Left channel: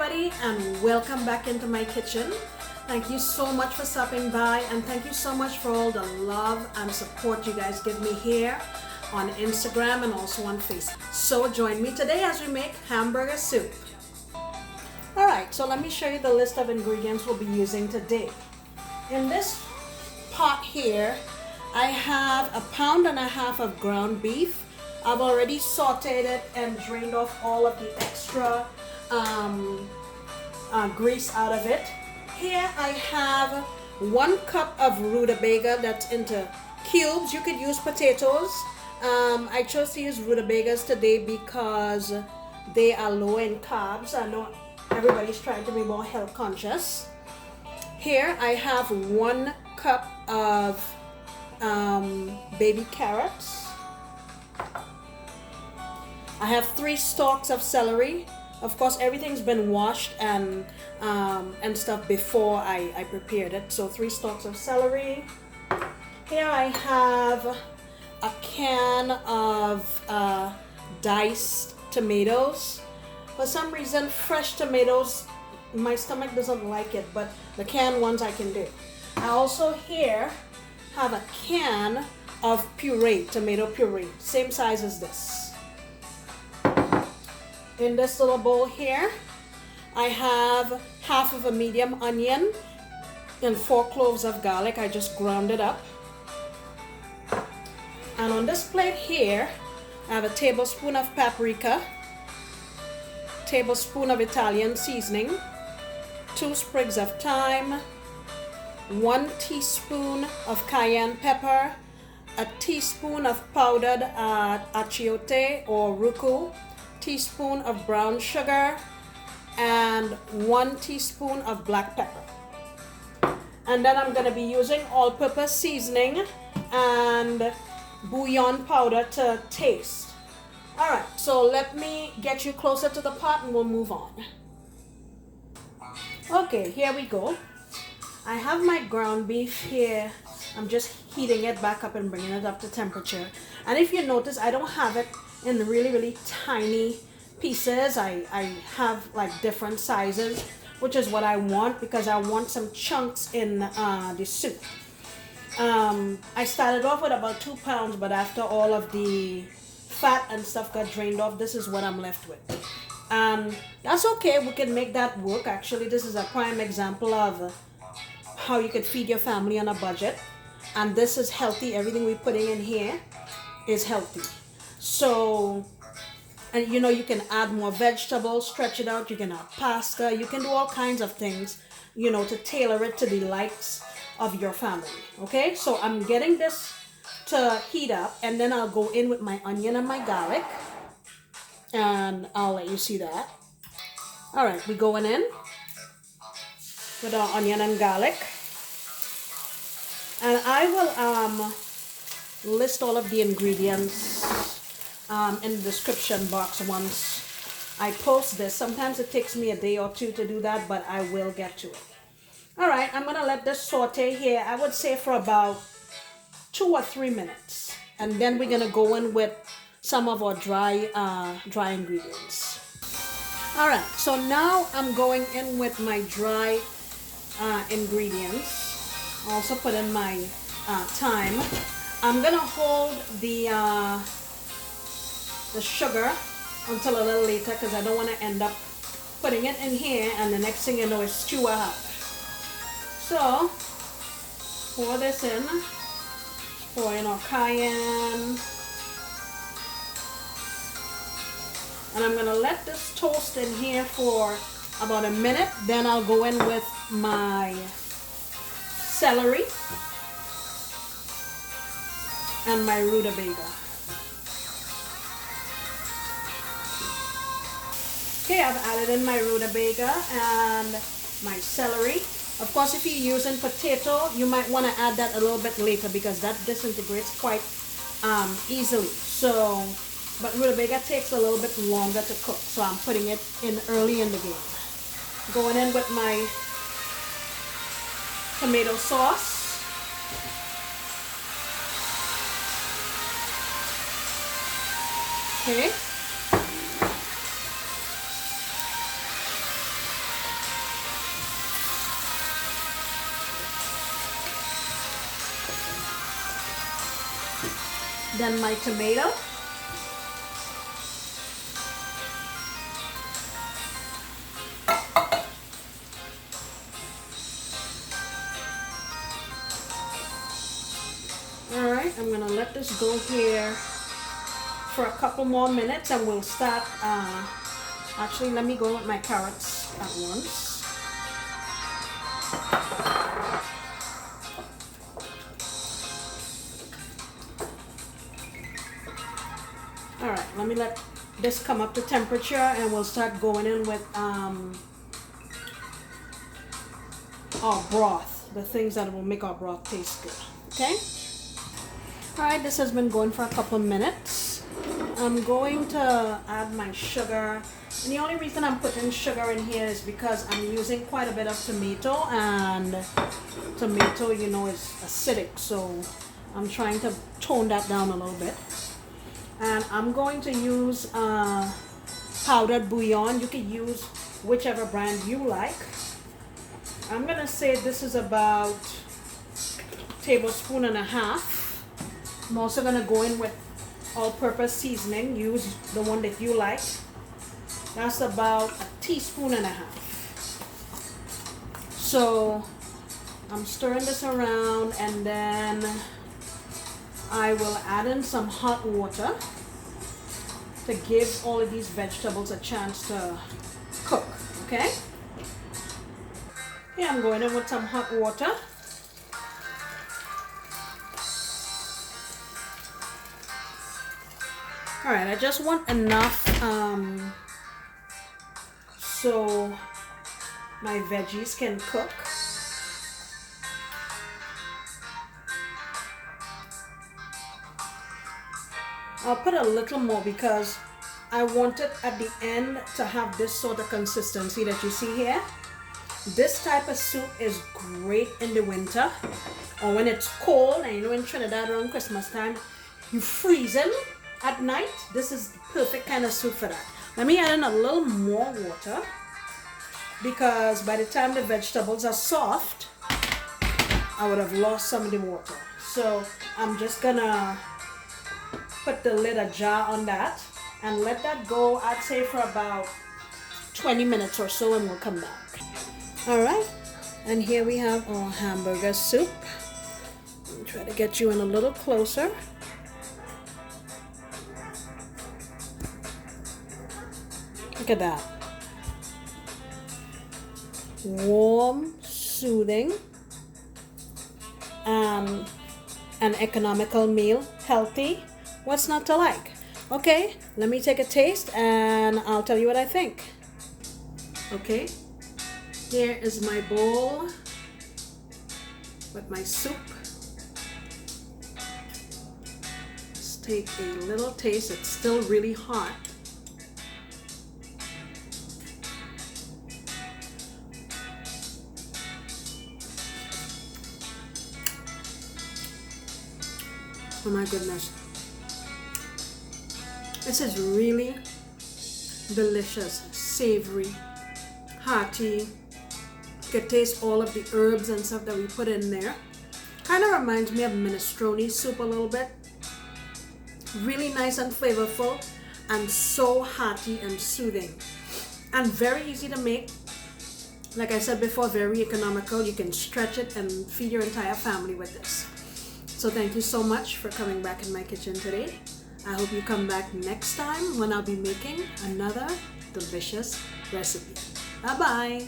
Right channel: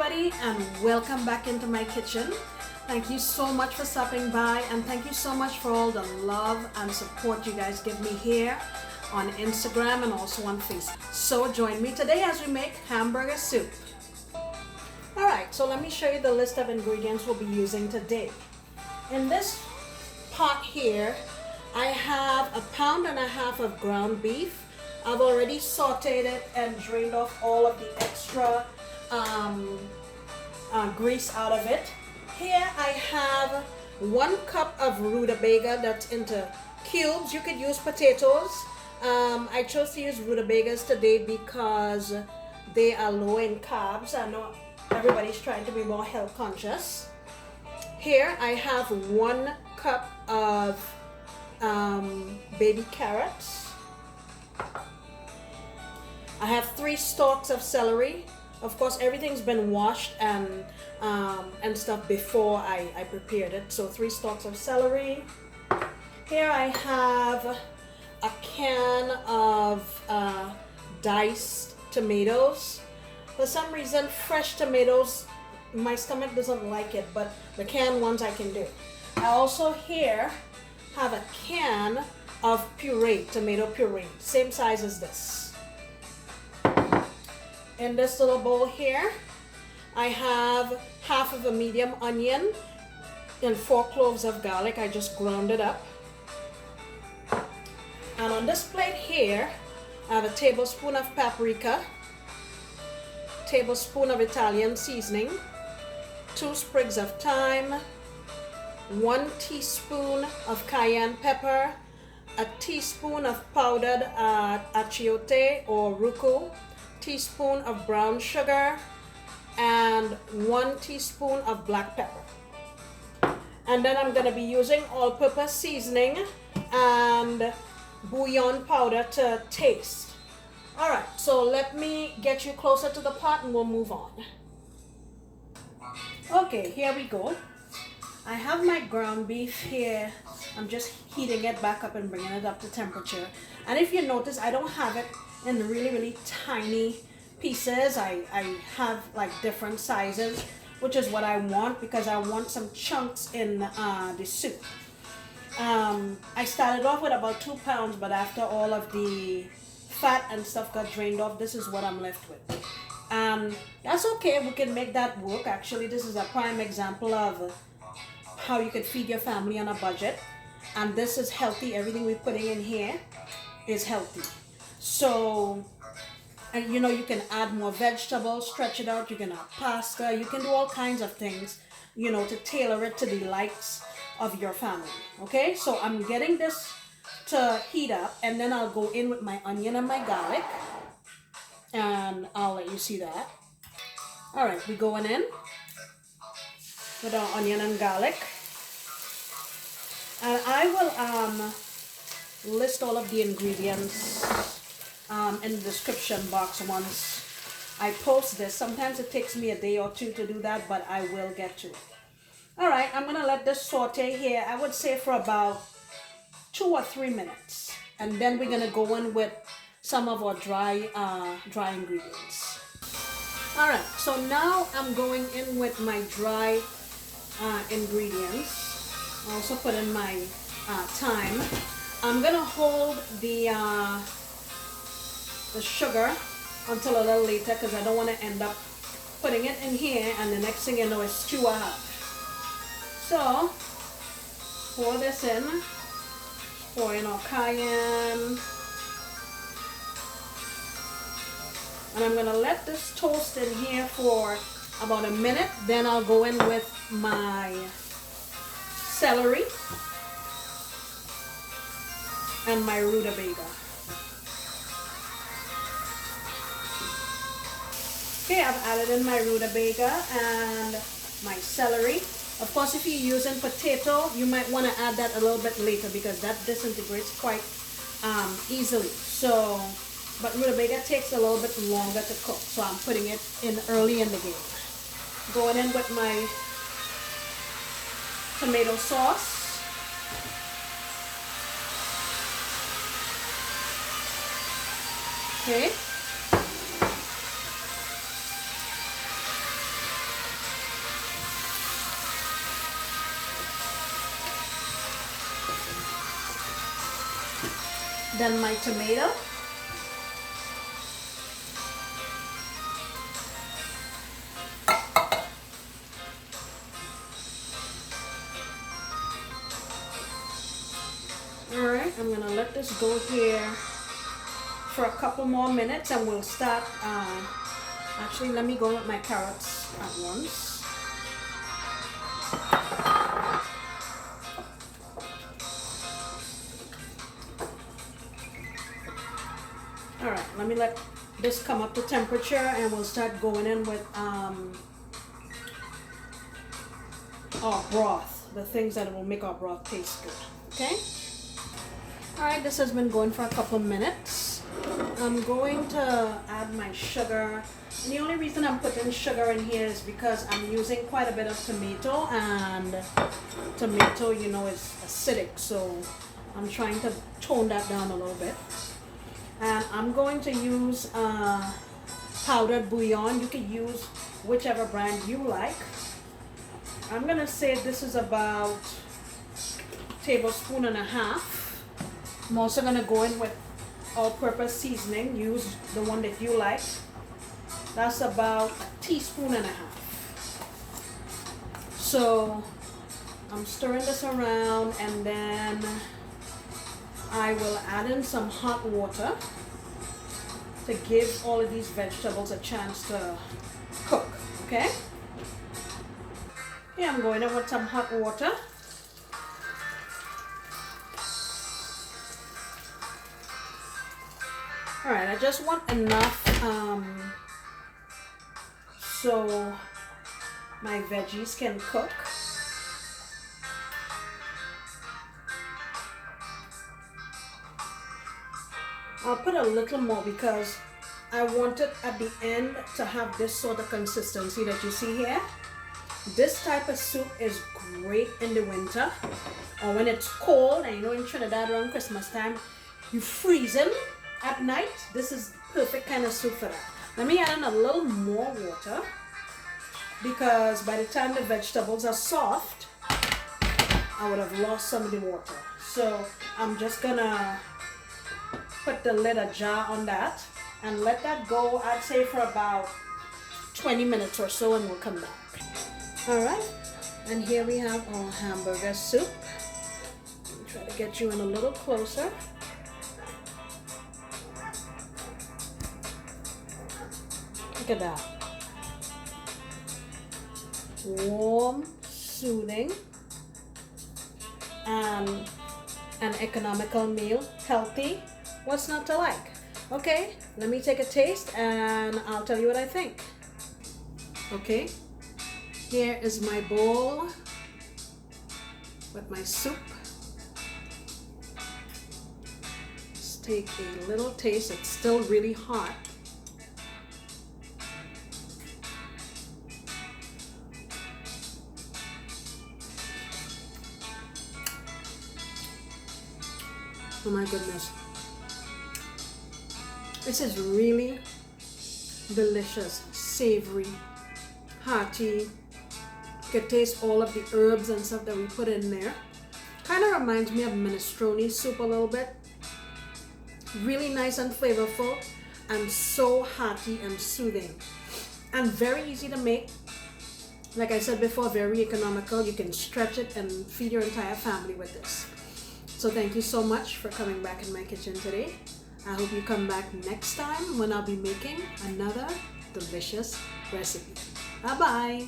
everybody, and welcome back into my kitchen. Thank you so much for stopping by, and thank you so much for all the love and support you guys give me here on Instagram and also on Facebook. So join me today as we make hamburger soup. Alright, so let me show you the list of ingredients we'll be using today. In this pot here, I have 1.5 pounds of ground beef. I've already sauteed it and drained off all of the extra grease out of it. Here I have 1 cup of rutabaga that's into cubes. You could use potatoes. I chose to use rutabagas today because they are low in carbs. I know everybody's trying to be more health conscious. Here I have 1 cup of baby carrots. I have 3 stalks of celery. Of course, everything's been washed and stuff before I prepared it. So 3 stalks of celery. Here I have a can of diced tomatoes. For some reason, fresh tomatoes, my stomach doesn't like it, but the canned ones I can do. I also here have a can of puree, tomato puree, same size as this. In this little bowl here, I have half of a medium onion and 4 cloves of garlic. I just ground it up. And on this plate here, I have a tablespoon of paprika, tablespoon of Italian seasoning, 2 sprigs of thyme, 1 teaspoon of cayenne pepper, a teaspoon of powdered achiote or ruku, teaspoon of brown sugar, and 1 teaspoon of black pepper. And then I'm going to be using all-purpose seasoning and bouillon powder to taste. Alright, so let me get you closer to the pot and we'll move on. Okay, here we go. I have my ground beef here. I'm just heating it back up and bringing it up to temperature. And if you notice, I don't have it in really tiny pieces. I have like different sizes, which is what I want because I want some chunks in the soup. I started off with about 2 pounds, but after all of the fat and stuff got drained off, this is what I'm left with. That's okay, we can make that work. Actually, this is a prime example of how you could feed your family on a budget, and this is healthy. Everything we're putting in here is healthy. So, and you know, you can add more vegetables, stretch it out, you can add pasta, you can do all kinds of things, you know, to tailor it to the likes of your family. Okay, so I'm getting this to heat up, and then I'll go in with my onion and my garlic, and I'll let you see that. All right, we're going in with our onion and garlic, and I will list all of the ingredients in the description box once I post this. Sometimes it takes me a day or 2 to do that, but I will get to it. All right, I'm gonna let this saute here, I would say for about 2 or 3 minutes, and then we're gonna go in with some of our dry ingredients. All right, so now I'm going in with my dry ingredients. I also put in my thyme. I'm gonna hold the sugar until a little later because I don't want to end up putting it in here and the next thing you know it's too hot. So pour this in, pour in our cayenne, and I'm gonna let this toast in here for about a minute. Then I'll go in with my celery and my rutabaga. Okay, I've added in my rutabaga and my celery. Of course, if you're using potato, you might want to add that a little bit later because that disintegrates quite easily. So, but rutabaga takes a little bit longer to cook, so I'm putting it in early in the game. Going in with my tomato sauce. Okay. Then my tomato. Alright, I'm gonna let this go here for a couple more minutes and we'll start, actually let me go with my carrots at once. Alright, let me let this come up to temperature and we'll start going in with our broth, the things that will make our broth taste good, okay? Alright, this has been going for a couple minutes. I'm going to add my sugar, and the only reason I'm putting sugar in here is because I'm using quite a bit of tomato, and tomato, you know, is acidic, so I'm trying to tone that down a little bit. And I'm going to use powdered bouillon. You can use whichever brand you like. I'm going to say this is about a tablespoon and a half. I'm also going to go in with all-purpose seasoning. Use the one that you like. That's about a teaspoon and a half. So I'm stirring this around, and then I will add in some hot water to give all of these vegetables a chance to cook, okay? Yeah, I'm going in with some hot water. Alright, I just want enough so my veggies can cook. I'll put a little more because I want it at the end to have this sort of consistency that you see here. This type of soup is great in the winter or when it's cold, and you know in Trinidad around Christmas time, you freezing at night. This is the perfect kind of soup for that. Let me add in a little more water because by the time the vegetables are soft, I would have lost some of the water. So I'm just gonna put the lid ajar on that and let that go, I'd say for about 20 minutes or so, and we'll come back. Alright, and here we have our hamburger soup. I'll try to get you in a little closer. Look at that. Warm, soothing, an economical meal, healthy. What's not to like? Okay, let me take a taste and I'll tell you what I think. Okay, here is my bowl with my soup. Let's take a little taste. It's still really hot. Oh my goodness. This is really delicious, savory, hearty. You can taste all of the herbs and stuff that we put in there. Kind of reminds me of minestrone soup a little bit. Really nice and flavorful, and so hearty and soothing. And very easy to make. Like I said before, very economical. You can stretch it and feed your entire family with this. So thank you so much for coming back in my kitchen today. I hope you come back next time when I'll be making another delicious recipe. Bye-bye.